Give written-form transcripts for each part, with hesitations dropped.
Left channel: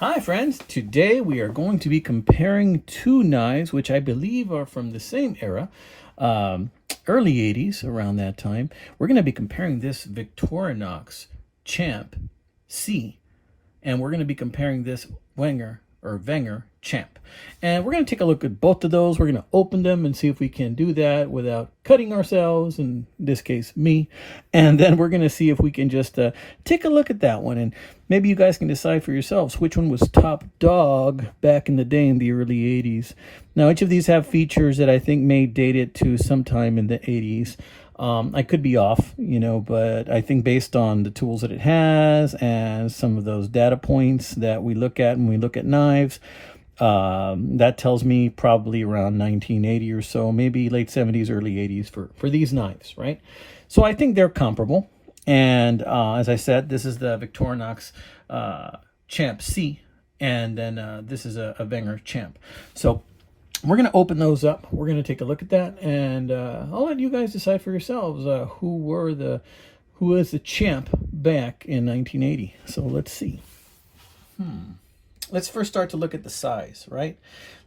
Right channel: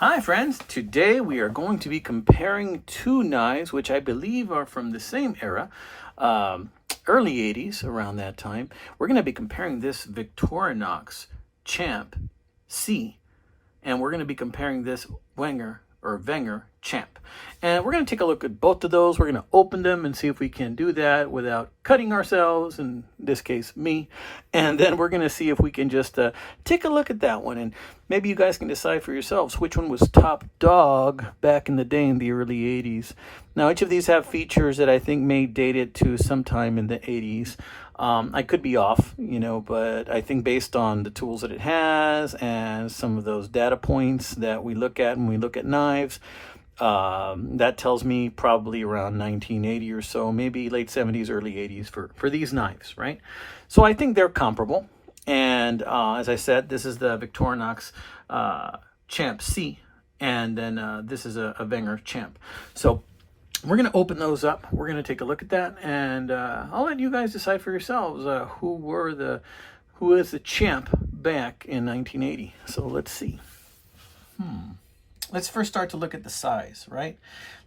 Hi friends, today we are going to be comparing two knives which I believe are from the same era, early 80s, around that time. We're going to be comparing this Victorinox Champ C, and we're going to be comparing this Wenger Champ. And we're going to take a look at both of those. We're going to open them and see if we can do that without cutting ourselves, in this case me. And then we're going to see if we can just take a look at that one, and maybe you guys can decide for yourselves which one was top dog back in the day in the early 80s. Now each of these have features that I think may date it to sometime in the 80s. I could be off, but I think based on the tools that it has and some of those data points that we look at when we look at knives, that tells me probably around 1980 or so, maybe late 70s, early 80s for these knives, right? So I think they're comparable. And as I said, this is the Victorinox Champ C, and then this is a Wenger Champ. So we're going to open those up. We're going to take a look at that, and I'll let you guys decide for yourselves who was the champ back in 1980. So let's see. Let's first start to look at the size, right?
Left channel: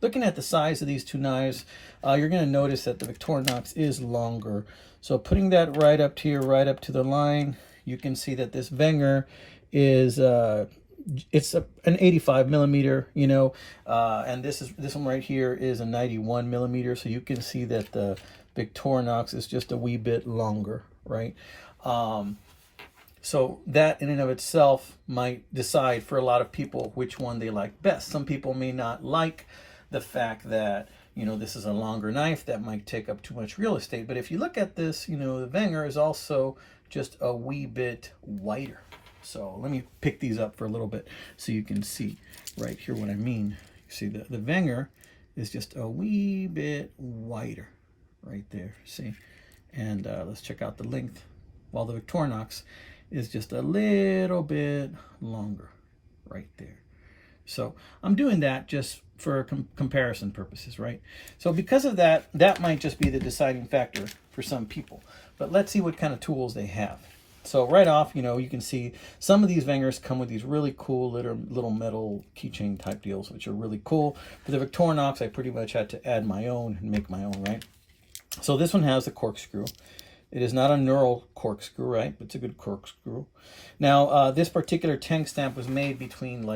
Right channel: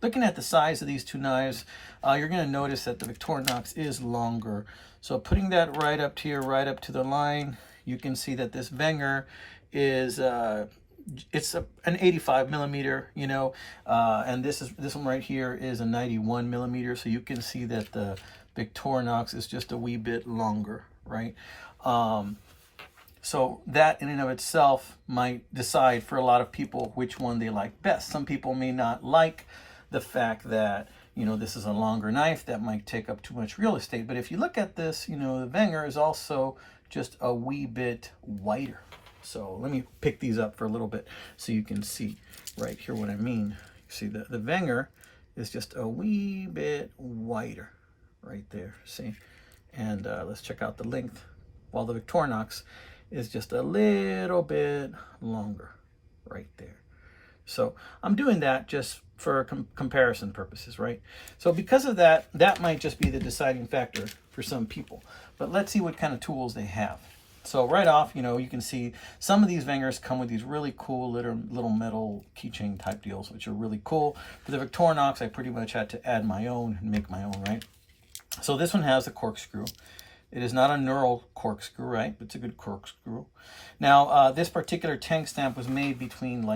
Looking at the size of these two knives, you're going to notice that the Victorinox is longer. So putting that right up to the line, you can see that this Wenger is it's an 85 millimeter, and this one right here is a 91 millimeter. So you can see that the Victorinox is just a wee bit longer, right? So that in and of itself might decide for a lot of people which one they like best. Some people may not like the fact that, this is a longer knife that might take up too much real estate. But if you look at this, the Wenger is also just a wee bit wider. So let me pick these up for a little bit so you can see right here what I mean. You see the Wenger is just a wee bit wider right there, see? And let's check out the length, while the Victorinox is just a little bit longer right there. So I'm doing that just for comparison purposes, right? So because of that, that might just be the deciding factor for some people. But let's see what kind of tools they have. So right off, you can see some of these Wengers come with these really cool little metal keychain type deals, which are really cool. For the Victorinox, I pretty much had to add my own and make my own, right? So this one has the corkscrew. It is not a knurled corkscrew, right? But it's a good corkscrew. Now, this particular tank stamp was made between,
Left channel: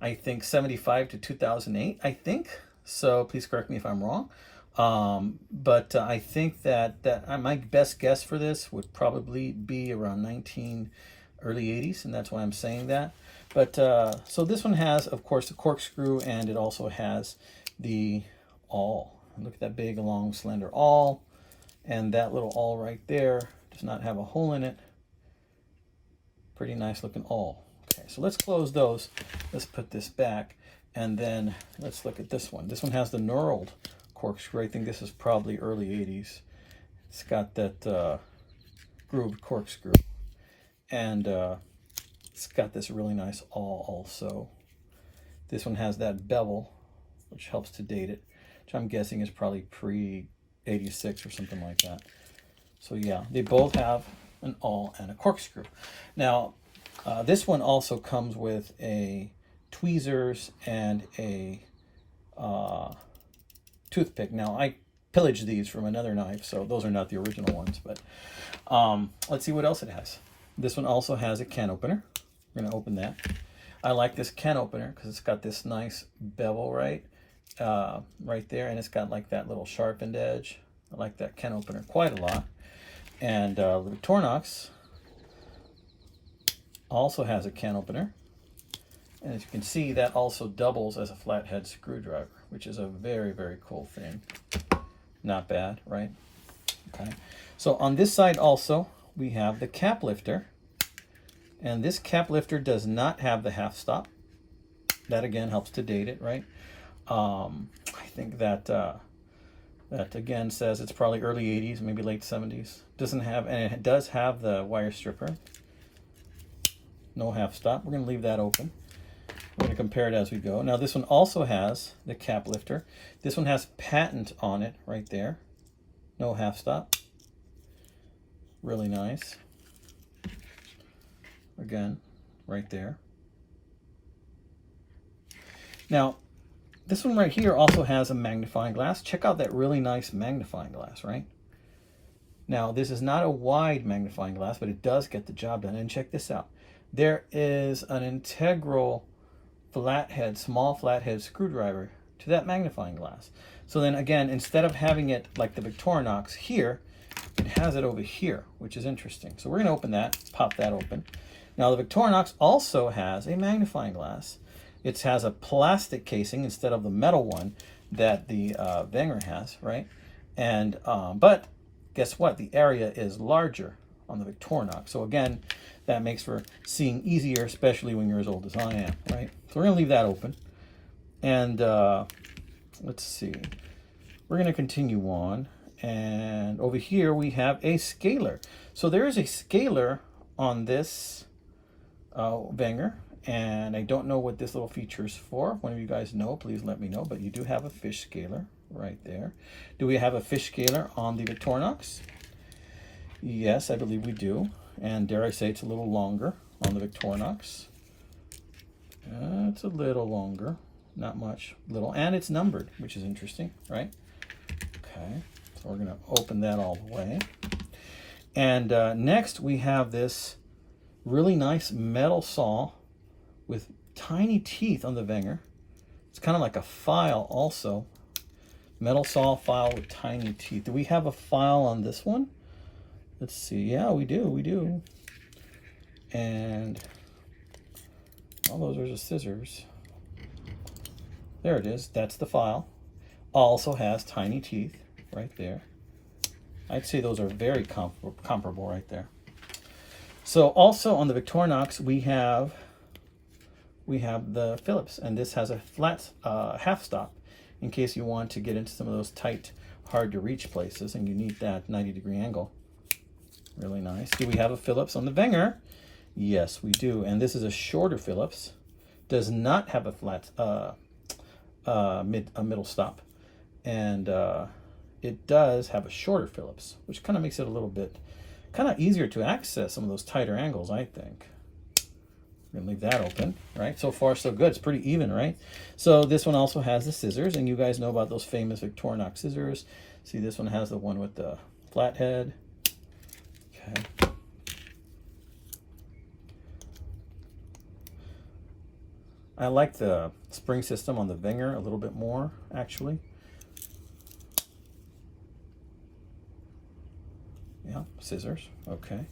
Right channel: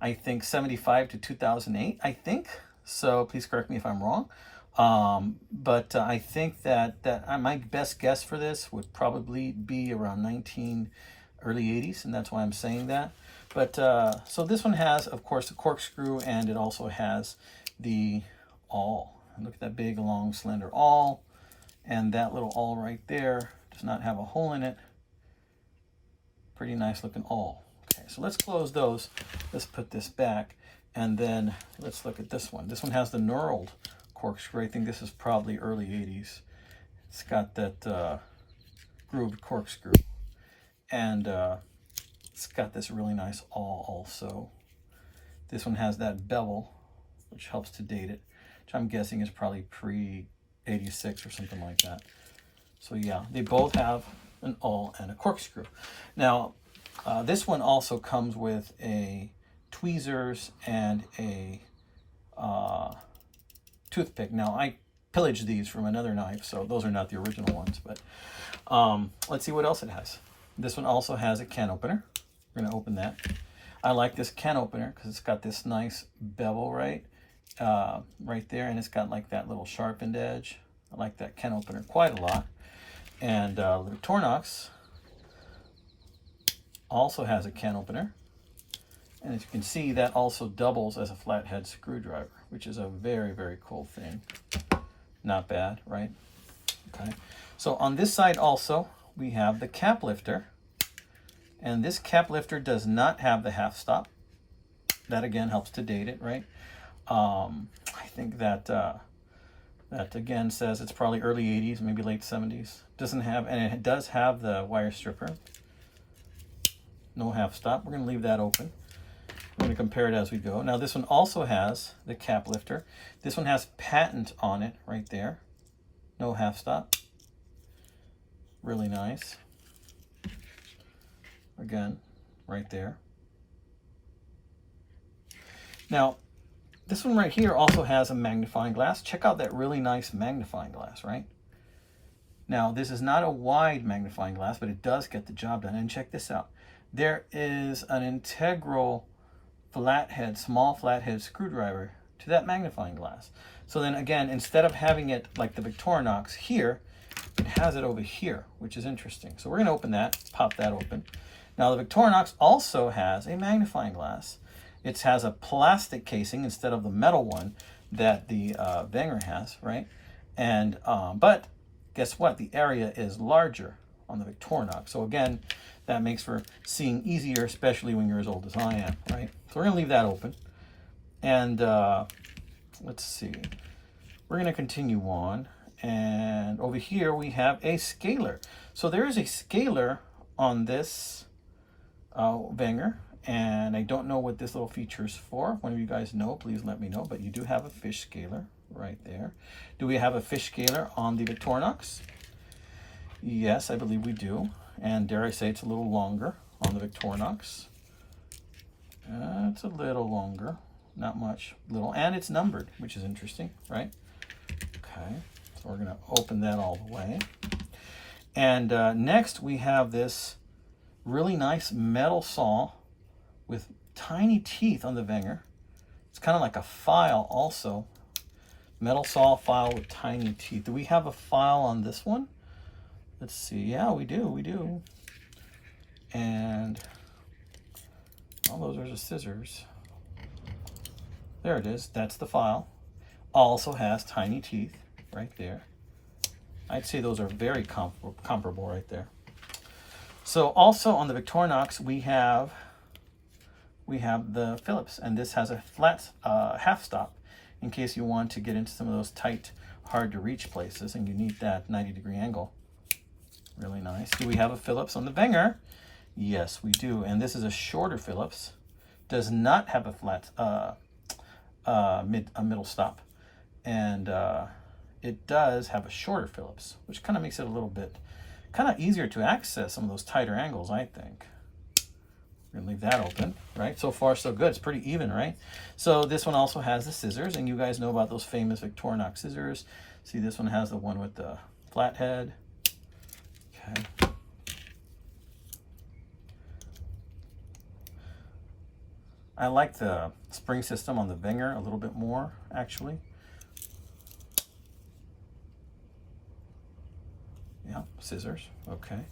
I think 75 to 2008, I think. So please correct me if I'm wrong. But I think that my best guess for this would probably be around early 80s, and that's why I'm saying that. But so this one has, of course, the corkscrew, and it also has the awl. Look at that big, long, slender awl, and that little awl right there does not have a hole in it. Pretty nice looking awl. Okay, so let's close those. Let's put this back, and then let's look at this one. This one has the knurled corkscrew. I think this is probably early 80s. It's got that grooved corkscrew, and it's got this really nice awl also. This one has that bevel, which helps to date it, which I'm guessing is probably pre-86 or something like that. So yeah, they both have an awl and a corkscrew. Now, this one also comes with a tweezers and a toothpick. Now, I pillaged these from another knife, so those are not the original ones. But let's see what else it has. This one also has a can opener. We're going to open that. I like this can opener because it's got this nice bevel right there, and it's got like that little sharpened edge. I like that can opener quite a lot. And the Victorinox also has a can opener, and as you can see, that also doubles as a flathead screwdriver, which is a very, very cool thing. Not bad, right? Okay. So on this side also, we have the cap lifter, and this cap lifter does not have the half stop. That again helps to date it, right? I think that that again says it's probably early 80s, maybe late 70s. Doesn't have, and it does have the wire stripper. No half stop. We're going to leave that open. We're going to compare it as we go. Now this one also has the cap lifter. This one has patent on it right there. No half stop. Really nice. Again, right there. Now, this one right here also has a magnifying glass. Check out that really nice magnifying glass, right? Now, this is not a wide magnifying glass, but it does get the job done. And check this out. There is an integral flathead, small flathead screwdriver to that magnifying glass. So then again, instead of having it like the Victorinox here, it has it over here, which is interesting. So we're going to open that, pop that open. Now the Victorinox also has a magnifying glass. It has a plastic casing instead of the metal one that the Wenger has, right? And but guess what? The area is larger on the Victorinox. So again, that makes for seeing easier, especially when you're as old as I am, right? So we're going to leave that open. And let's see. We're going to continue on. And over here we have a scaler. So there is a scaler on this Wenger. And I don't know what this little feature is for. If one of you guys know, please let me know. But you do have a fish scaler right there. Do we have a fish scaler on the Victorinox? Yes, I believe we do. And dare I say it's a little longer on the Victorinox. It's a little longer, not much, little, and it's numbered, which is interesting, right? Okay, so we're gonna open that all the way. And next we have this really nice metal saw with tiny teeth on the Wenger. It's kind of like a file also. Metal saw file with tiny teeth. Do we have a file on this one? Let's see. Yeah, we do. And all those are just scissors. There it is. That's the file. Also has tiny teeth right there. I'd say those are very comparable right there. So also on the Victorinox we have the Phillips, and this has a flat half stop in case you want to get into some of those tight, hard to reach places and you need that 90-degree angle. Really nice. Do we have a Phillips on the Wenger? Yes, we do. And this is a shorter Phillips. Does not have a flat middle stop. And it does have a shorter Phillips, which kind of makes it a little bit kind of easier to access some of those tighter angles, I think. We're going to leave that open, right? So far, so good. It's pretty even, right? So this one also has the scissors, and you guys know about those famous Victorinox scissors. See, this one has the one with the flathead. Okay. I like the spring system on the Wenger a little bit more, actually. Yeah, scissors. Okay.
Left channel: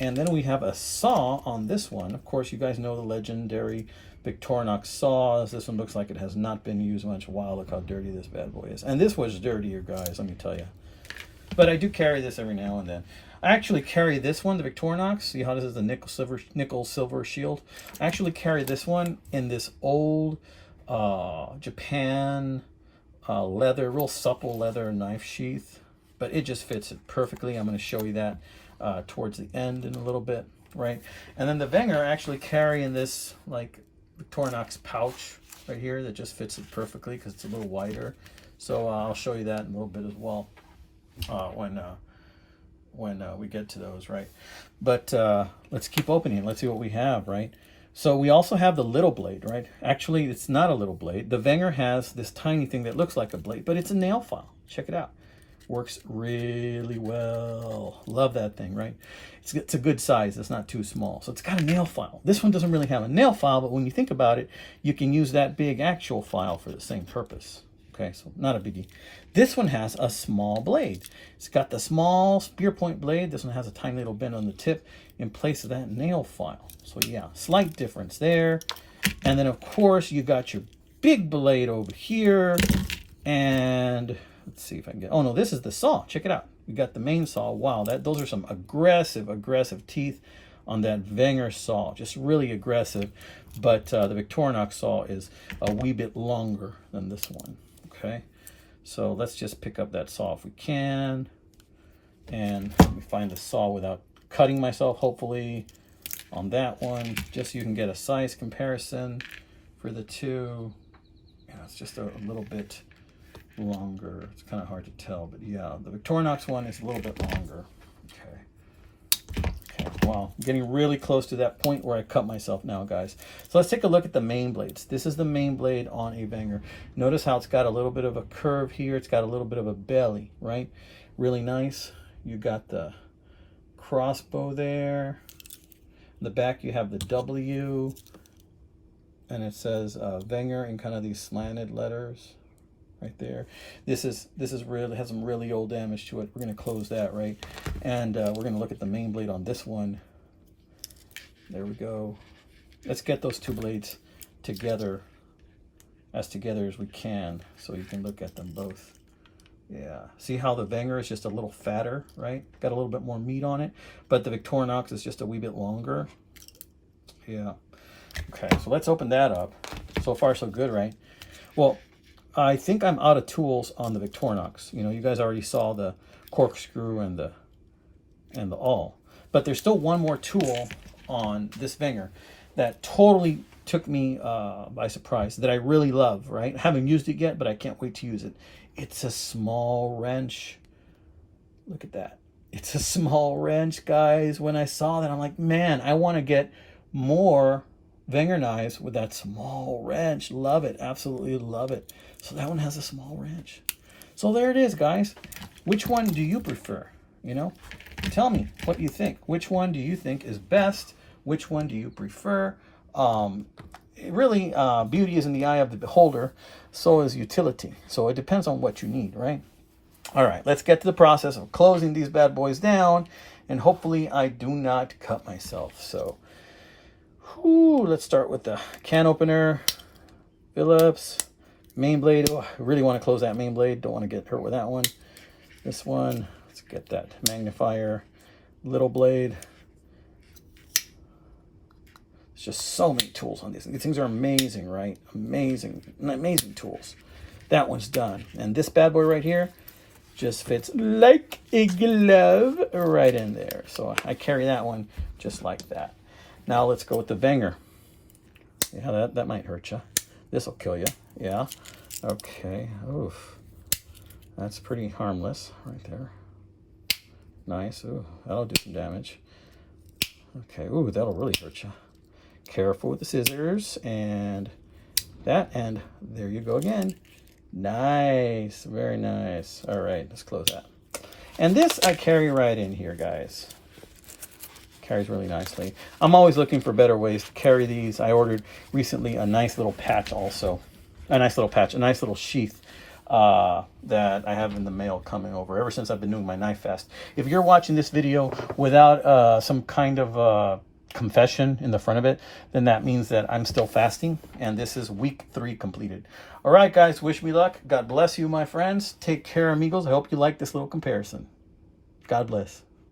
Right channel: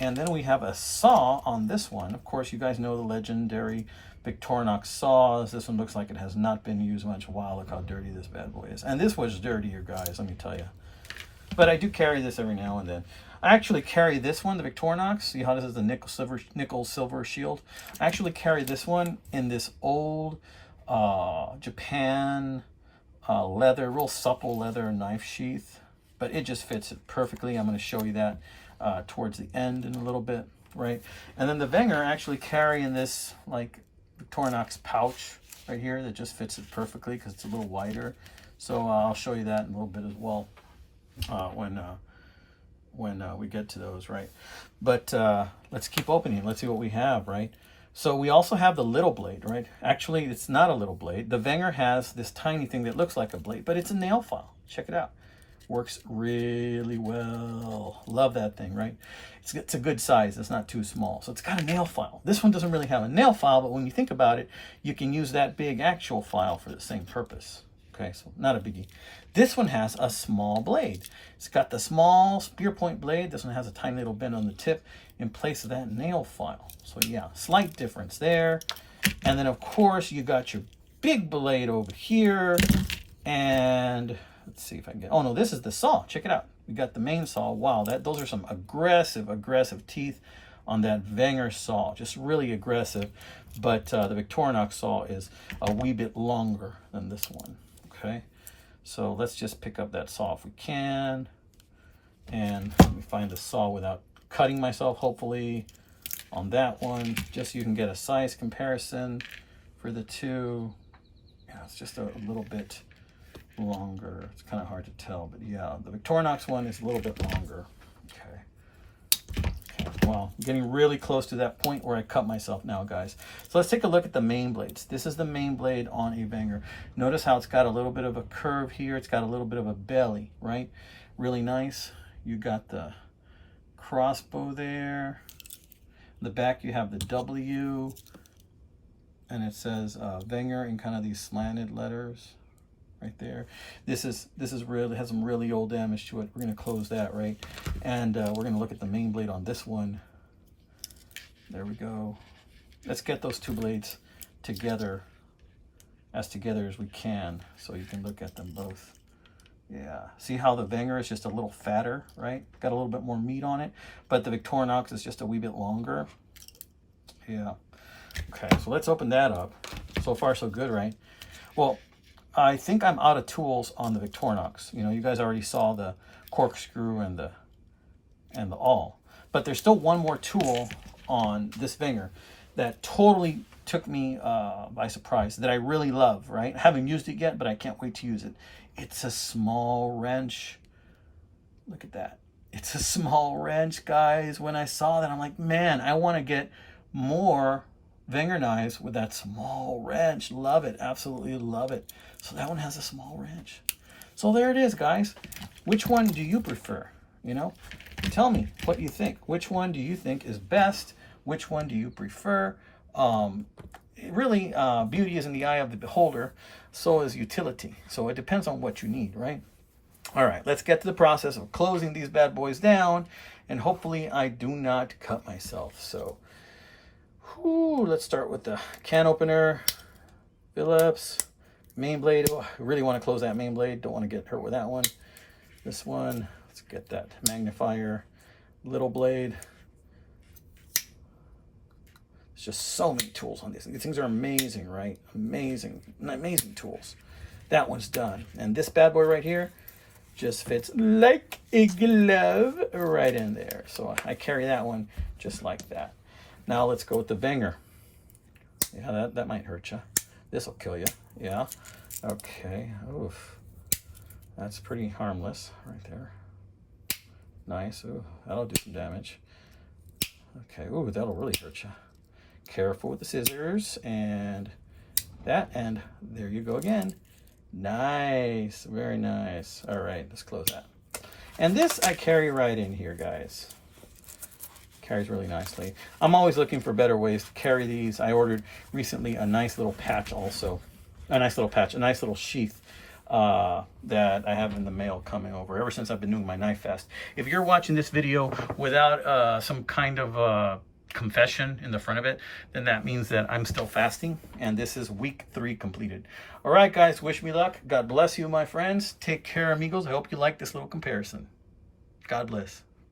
And then we have a saw on this one. Of course, you guys know the legendary Victorinox saws. This one looks like it has not been used much. Wow, look how dirty this bad boy is. And this was dirtier, guys, let me tell you. But I do carry this every now and then. I actually carry this one, the Victorinox. See how this is the nickel silver shield? I actually carry this one in this old Japan leather, real supple leather knife sheath. But it just fits it perfectly. I'm going to show you that towards the end in a little bit, right? And then the Wenger actually carrying this like Victorinox pouch right here that just fits it perfectly because it's a little wider. So I'll show you that in a little bit as well when we get to those, right? But let's keep opening. Let's see what we have, right? So we also have the little blade, right? Actually, it's not a little blade. The Wenger has this tiny thing that looks like a blade, but it's a nail file. Check it out. Works really well. Love that thing, right? It's a good size. It's not too small. So it's got a nail file. This one doesn't really have a nail file, but when you think about it, you can use that big actual file for the same purpose. Okay, so not a biggie. This one has a small blade. It's got the small spear point blade. This one has a tiny little bend on the tip in place of that nail file. So yeah, slight difference there. And then of course you got your big blade over here. And let's see if I can get, oh no, this is the saw. Check it out. We got the main saw. Wow, those are some aggressive teeth on that Wenger saw. Just really aggressive. But the Victorinox saw is a wee bit longer than this one. Okay, so let's just pick up that saw if we can. And we find the saw without cutting myself, hopefully, on that one. Just so you can get a size comparison for the two. Yeah, it's just a little bit longer. It's kind of hard to tell, but yeah, the Victorinox one is a little bit longer. Okay, well, now. I'm getting really close to that point where I cut myself now, guys. So let's take a look at the main blades. This is the main blade on a Wenger. Notice how it's got a little bit of a curve here. It's got a little bit of a belly, right? Really nice. You got the crossbow there. In the back you have the W, and it says Wenger in kind of these slanted letters right there. This is really has some really old damage to it. We're going to close that, right? And we're going to look at the main blade on this one. There we go. Let's get those two blades together as we can, so you can look at them both. Yeah, see how the Wenger is just a little fatter, right? Got a little bit more meat on it, but the Victorinox is just a wee bit longer. Yeah. Okay, so let's open that up. So far, so good, right? Well, I think I'm out of tools on the Victorinox. You know, you guys already saw the corkscrew and the awl, but there's still one more tool on this Wenger that totally took me by surprise, that I really love, right? I haven't used it yet, but I can't wait to use it. It's a small wrench. Look at that. It's a small wrench, guys. When I saw that, I'm like, man, I want to get more Wenger knives with that small wrench. Love it. Absolutely love it. So that one has a small wrench. So there it is, guys. Which one do you prefer? You know, tell me what you think. Which one do you think is best? Which one do you prefer? Really, beauty is in the eye of the beholder. So is utility. So it depends on what you need, right? All right, let's get to the process of closing these bad boys down, and hopefully I do not cut myself. So, let's start with the can opener, Phillips, main blade. Oh, I really want to close that main blade. Don't want to get hurt with that one. This one, let's get that magnifier, little blade. There's just so many tools on these. These things are amazing, right? Amazing tools. That one's done. And this bad boy right here just fits like a glove right in there. So I carry that one just like that. Now let's go with the Wenger. Yeah, that might hurt you. This will kill you. Yeah. Okay. Oof. That's pretty harmless right there. Nice. Ooh, that'll do some damage. Okay. Ooh, that'll really hurt you. Careful with the scissors and that, and there you go again. Nice, very nice. All right, let's close that. And this I carry right in here, guys. Carries really nicely. I'm always looking for better ways to carry these. I ordered recently a nice little patch also. A nice little sheath that I have in the mail coming over ever since I've been doing my knife fast. If you're watching this video without some kind of confession in the front of it, then that means that I'm still fasting, and this is week 3 completed. All right, guys, wish me luck. God bless you, my friends. Take care, amigos. I hope you like this little comparison. God bless.